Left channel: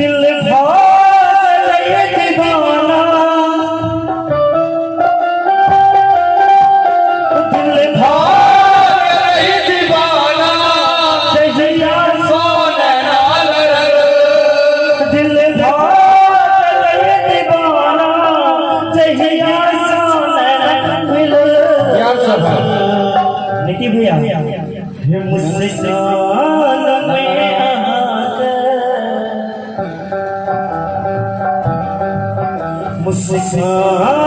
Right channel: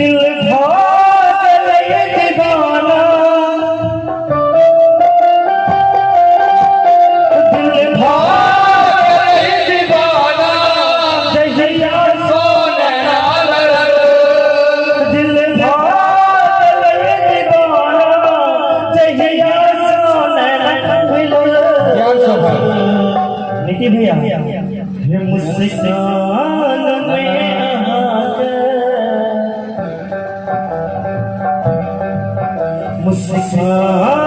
दिल भाग लय दीवाना, दिल भाग लय दीवाना, जहिया सोने दिल भाग लय दीवाना, जहिया सोने मिले। निकी भैया ये मुस्कान में मुस्कान